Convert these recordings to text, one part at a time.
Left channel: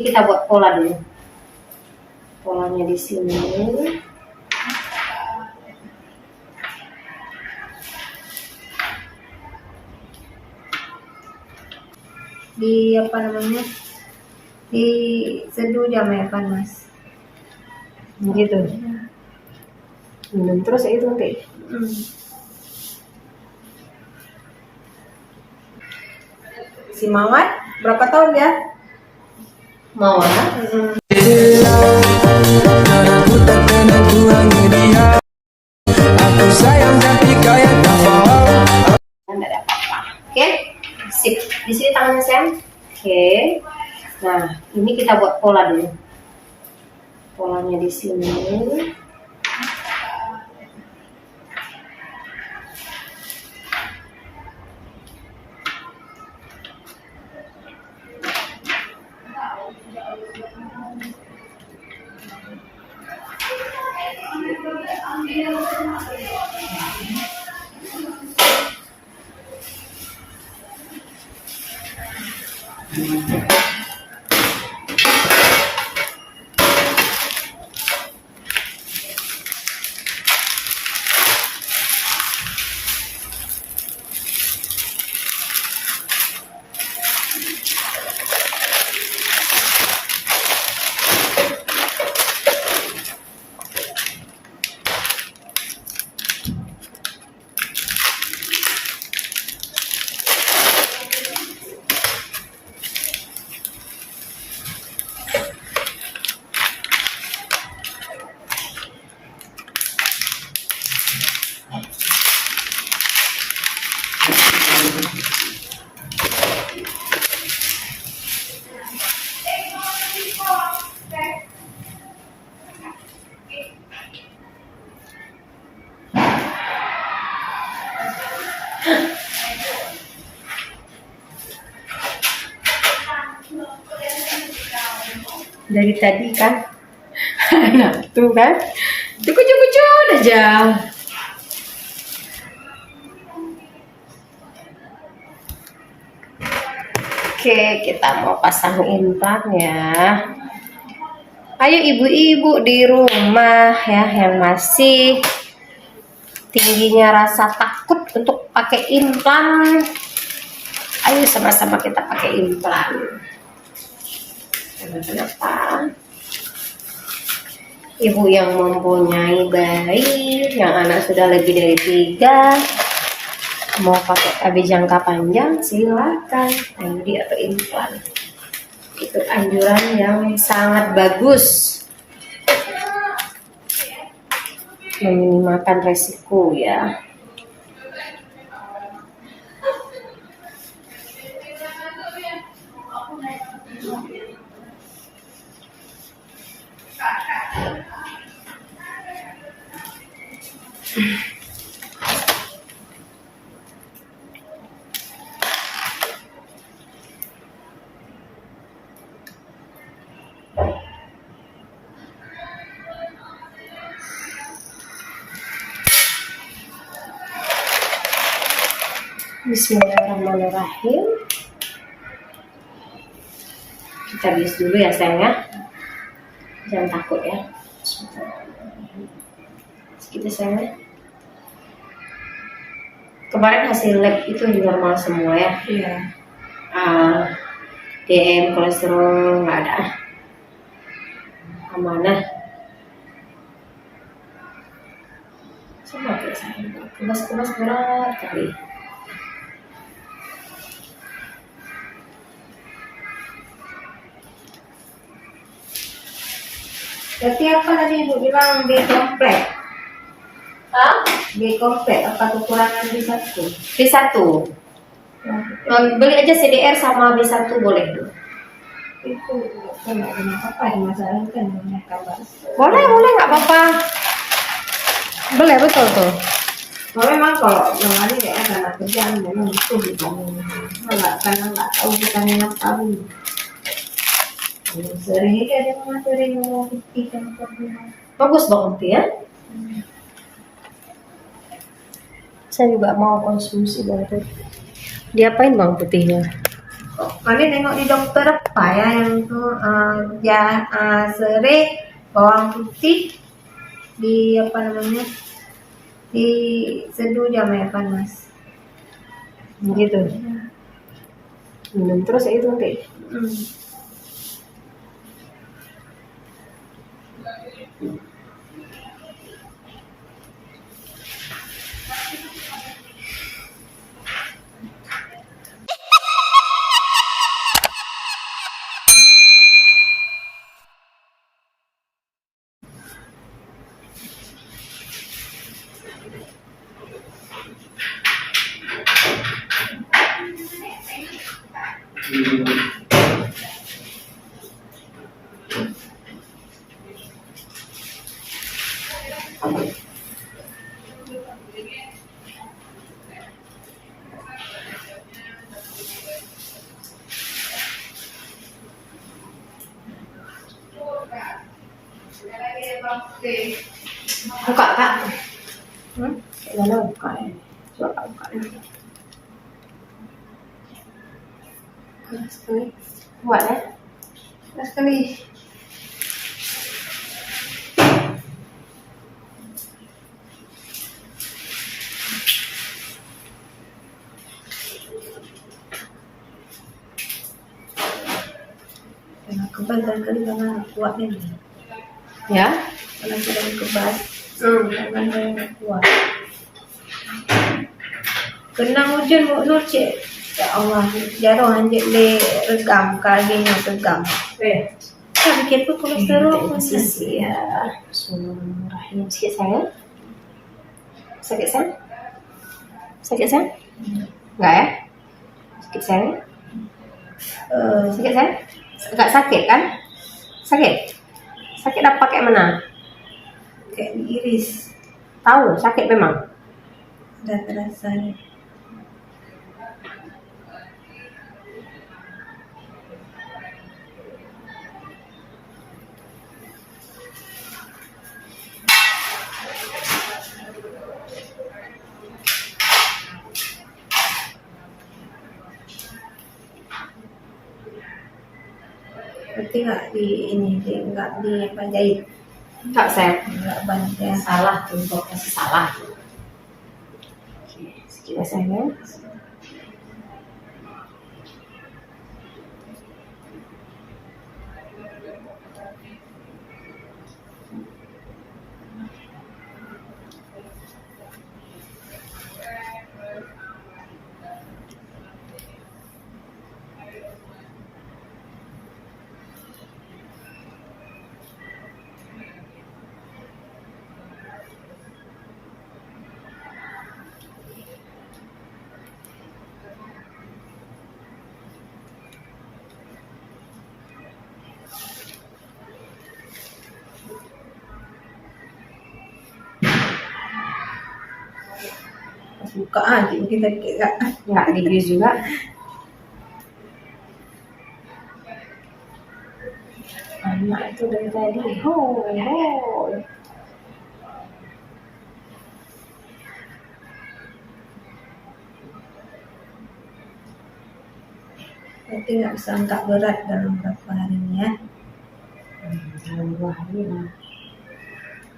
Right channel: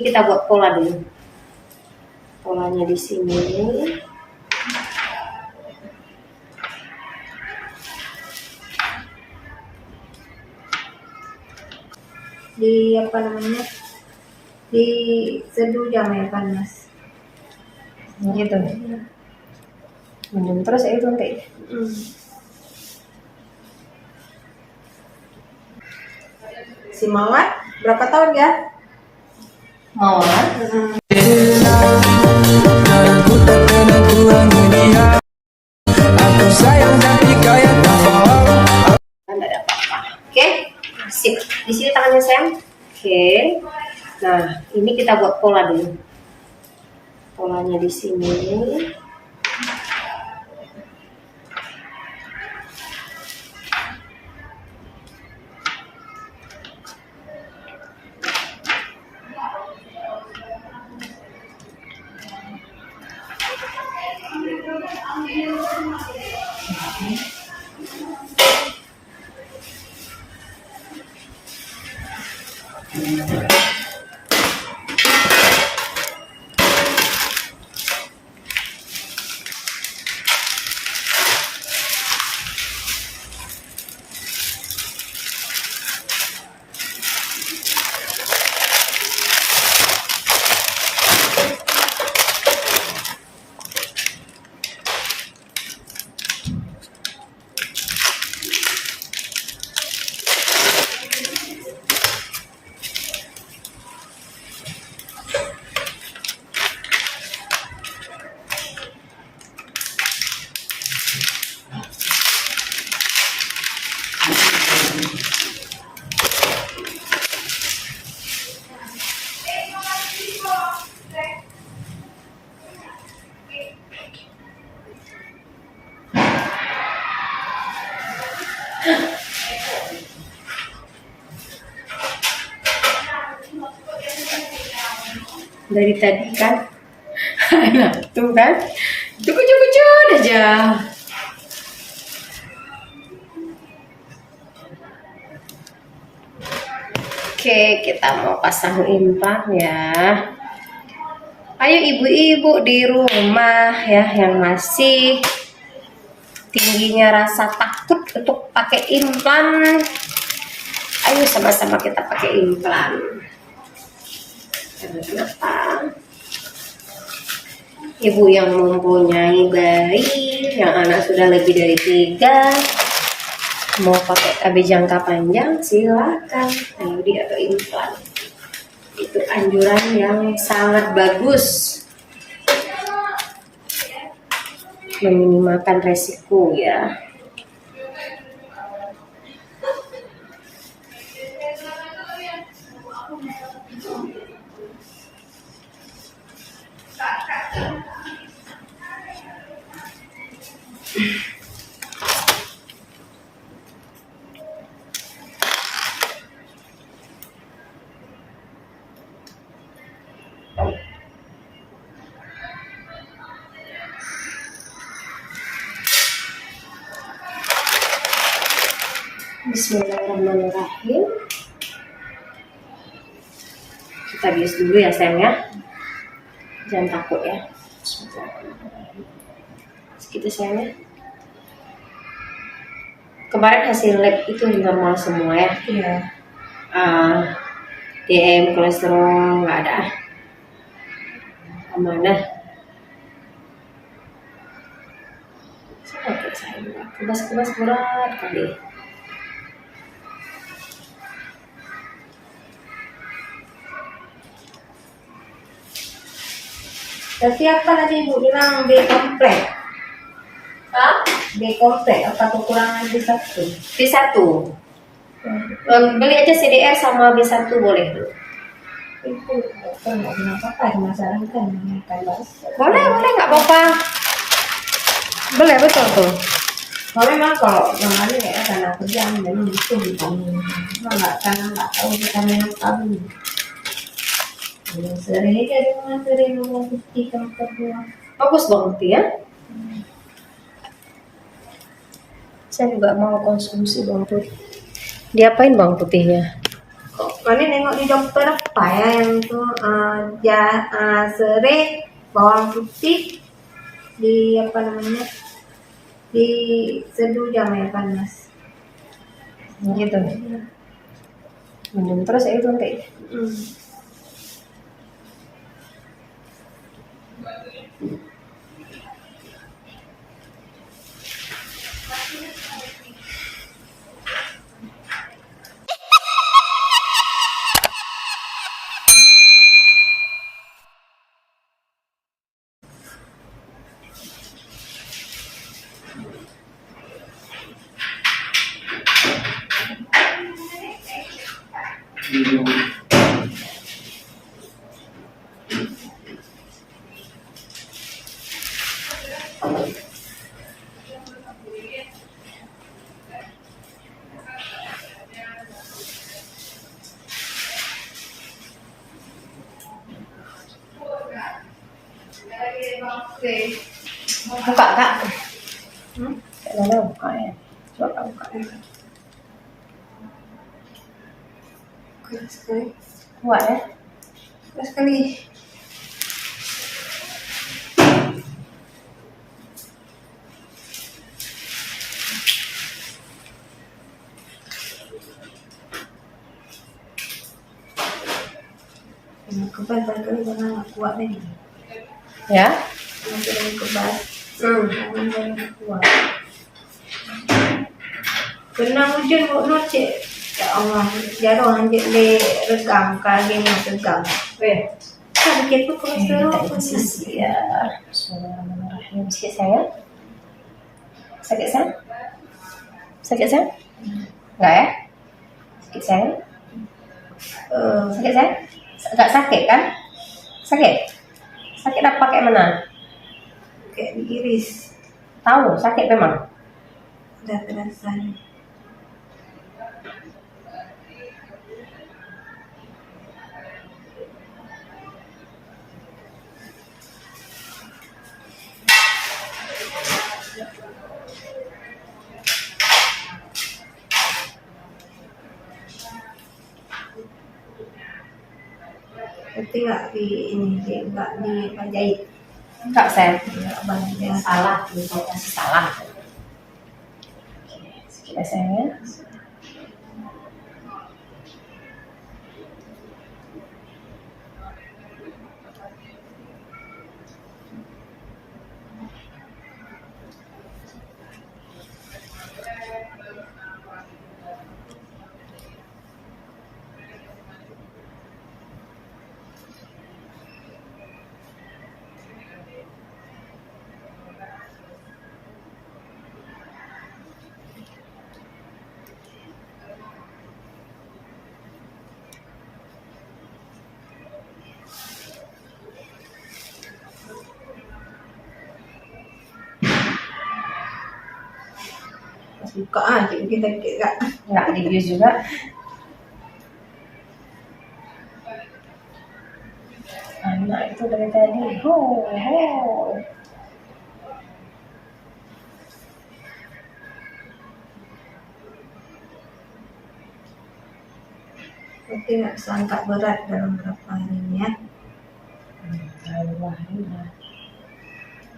Kita buat pola dulu. Polanya di sini. Di apa namanya? Di seduh jam air panas. Gitu. Minum terus ya itu nanti. Si Mawar berapa tahun dia? Mawar. Aku tak pernah kurangi dia. Aku sayang tapi kayak tak paham. Tidak ada apa-apa. Oke, sip. Di sini tangannya Sam. Oke. Nah, ini kita buat pola dulu. Polanya di sini. Dari tadi kan, nah, tuh kan, cukup aja. Oke, kita mau pasang implan ya. Ayo ibu-ibu di rumah ya yang masih tingginya rasa takut untuk pakai implan. Ayo sama-sama kita pakai implan. Kenapa? Ibu yang mempunyai bayi, yang anak sudah lebih dari 3, mau pakai KB jangka panjang silakan. IUD atau implan. Itu anjuran yang sangat bagus. Meminimalkan resiko ya. Bismillahirrahmanirrahim. Kita bius dulu ya sayangnya. Jangan takut ya. Segitu sayangnya. Kemarin hasil lab itu normal semua ya. Iya. DM kolesterol nggak ada. Amanah. Coba kayak saya kebas berat kali. Berarti apa tadi ibu bilang B komplek? Hah? B komplek apa kekurangan B1? B1. Ya, Beli aja CDR sama B1 boleh tuh. itu dokter nggak bilang apa masalah kan tambah. Boleh nggak apa-apa. Boleh betul tuh. Memang kalau yang hari kayak karena kerjaan memang itu vitamin. Nggak karena nggak tahu vitamin apa pun. Sering aja dia sering ngomong putih kan kedua. Bagus banget ya. Saya juga mau konsumsi bawang putih. Diapain bawang putihnya? Kok kalian nengok di dokter? apa ya yang itu serai, bawang putih, di apa namanya, di seduh jam air panas Gitu. Minum terus ya itu nanti. Hmm. Buka kak. Kayak mana buka ya? Coba kak buka. Keras sekali, Kuat ya? keras sekali. Kebal kali karena kuat nih. Ya? Karena sudah kebal, tangan saya kuat. Kena hujan mau noce. Ya Allah, jatuh anjir le regam kakinya regam. Sedikit pun kolesterol Ya. Bismillahirrahmanirrahim. Sakit saya? Sakit saya? Sakit saya? Enggak ya? Sakit saya? Sakit saya? Enggak sakit kan? Sakit? Sakit apa kayak mana? kayak diiris, Tahu sakit memang. udah terasa. Berarti nggak di ini, nggak di apa, jahit, Enggak saya. nggak banyak. Salah tuh, kasih salah. Oke, sedikit ya sayangnya. Buka aja kita kira. Enggak di view juga. Anak itu dari tadi, ho. Berarti nggak bisa angkat berat dalam berapa hari ini ya. Dalam 2 hari lah.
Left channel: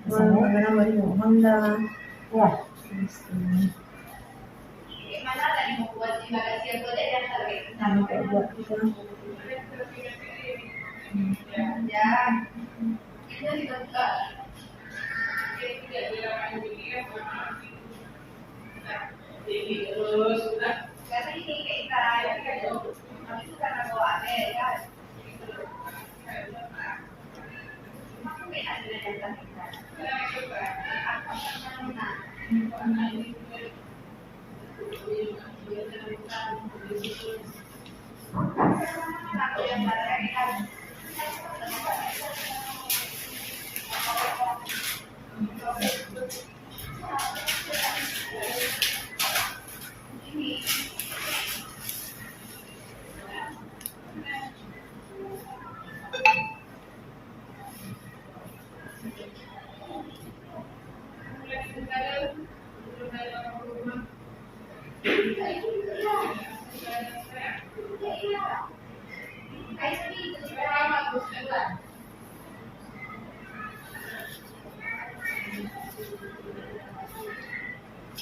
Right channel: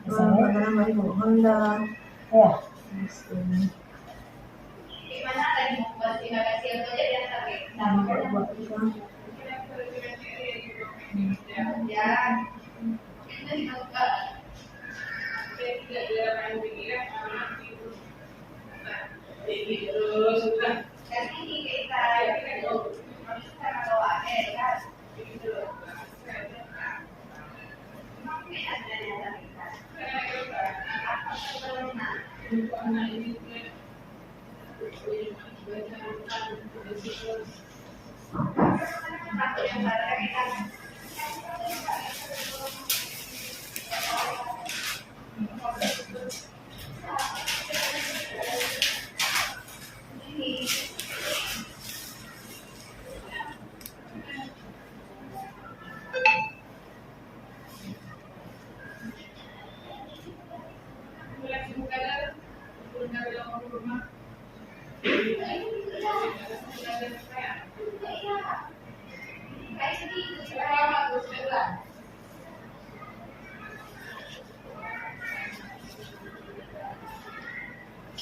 Karena baru mohon dah. Ya. Buat kita.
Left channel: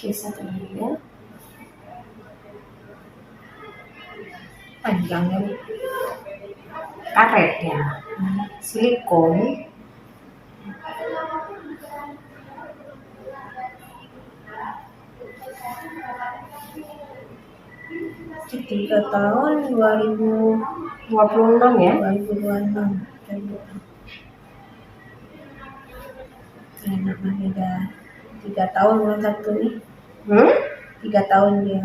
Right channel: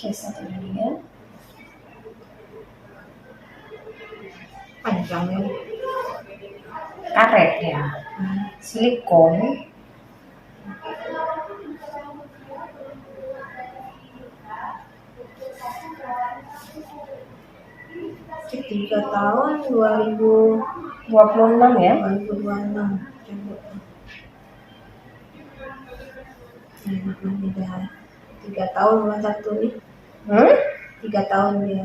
Oke, satu lagi ya. Panjangnya. Karet ya. Silikon. Itu 3 tahun 2026 26 ya. Coba. Enak banget udah 3 tahun bulan satu nih. 3 tahun dia.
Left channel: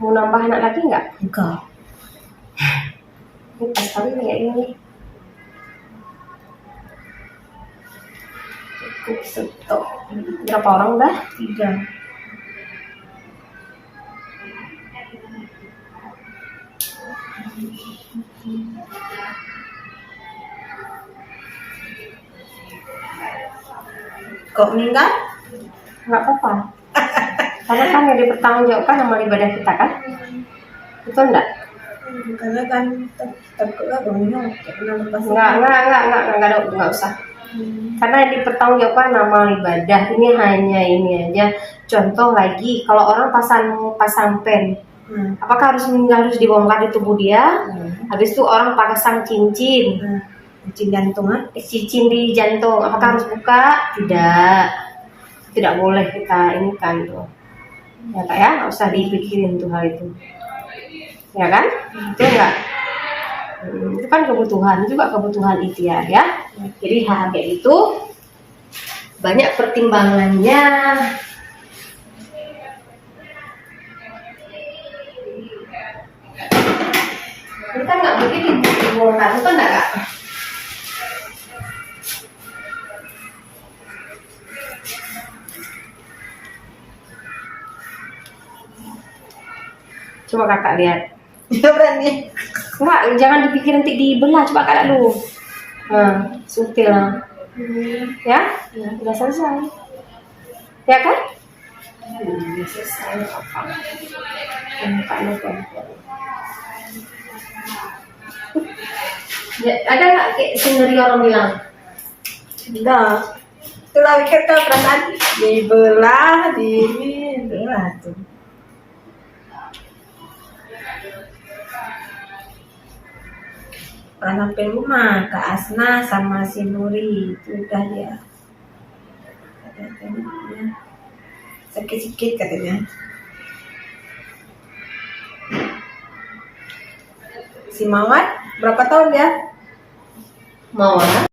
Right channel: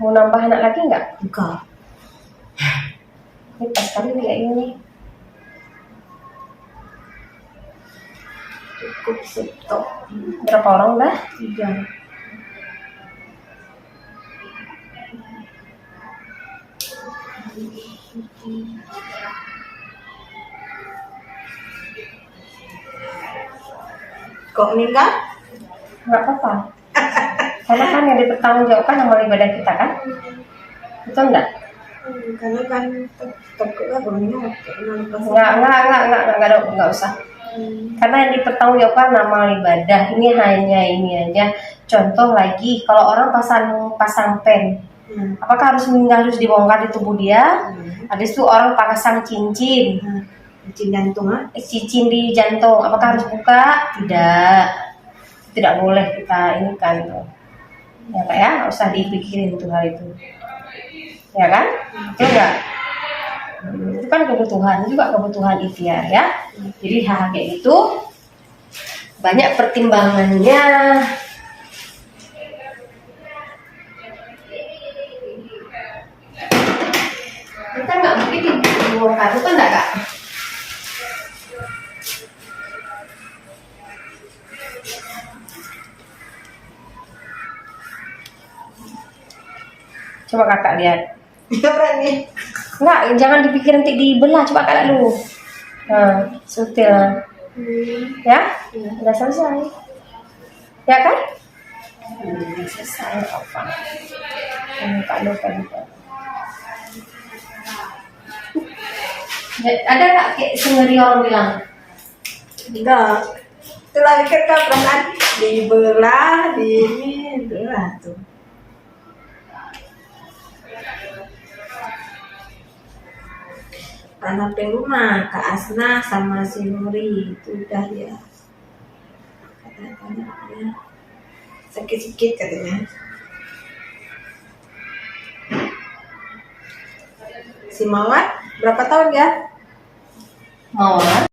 Mau nambah anak lagi nggak? Enggak. Ini pas kali kayak ini. Cukup stok. Berapa orang udah? 3. Kok meninggal? Nggak apa-apa. Karena kan yang dipertanggungjawabkan amal ibadah kita kan? Betul enggak? Karena kan takut gak meninggal. Karena lepas. Nggak usah. Karena yang dipertanggungjawabkan amal ibadah ini hanya ini aja. Contoh lagi, kalau orang pasang pen, apakah harus meninggal harus dibongkar di tubuh dia? Habis itu orang pasang cincin, Cincin jantung cincin di jantung, apakah harus buka? Tidak boleh kita ini kan tuh. Ya Kak ya, nggak usah dipikirin tuh hal itu. Ya kan? Itu enggak? Itu kan kebutuhan, juga kebutuhan ikhtiar ya. Jadi hal kayak itu banyak pertimbangannya. Kita nggak mungkin dibongkar, itu enggak Kak? Coba kakak lihat. Coba nih. Enggak, jangan dipikir nanti dibelah, coba kakak dulu. Nah, sutil. Ya? Udah selesai. Ya kan? Udah selesai apa? Lupa. Ada nggak kayak sendiri orang bilang? Enggak. Setelah kita perasaan dibelah, dibelah tuh. Anak rumah Kak Asna sama si Nuri itu udah ya. Katanya sakit-sakit katanya. Si Mawar berapa tahun dia? Mau ya?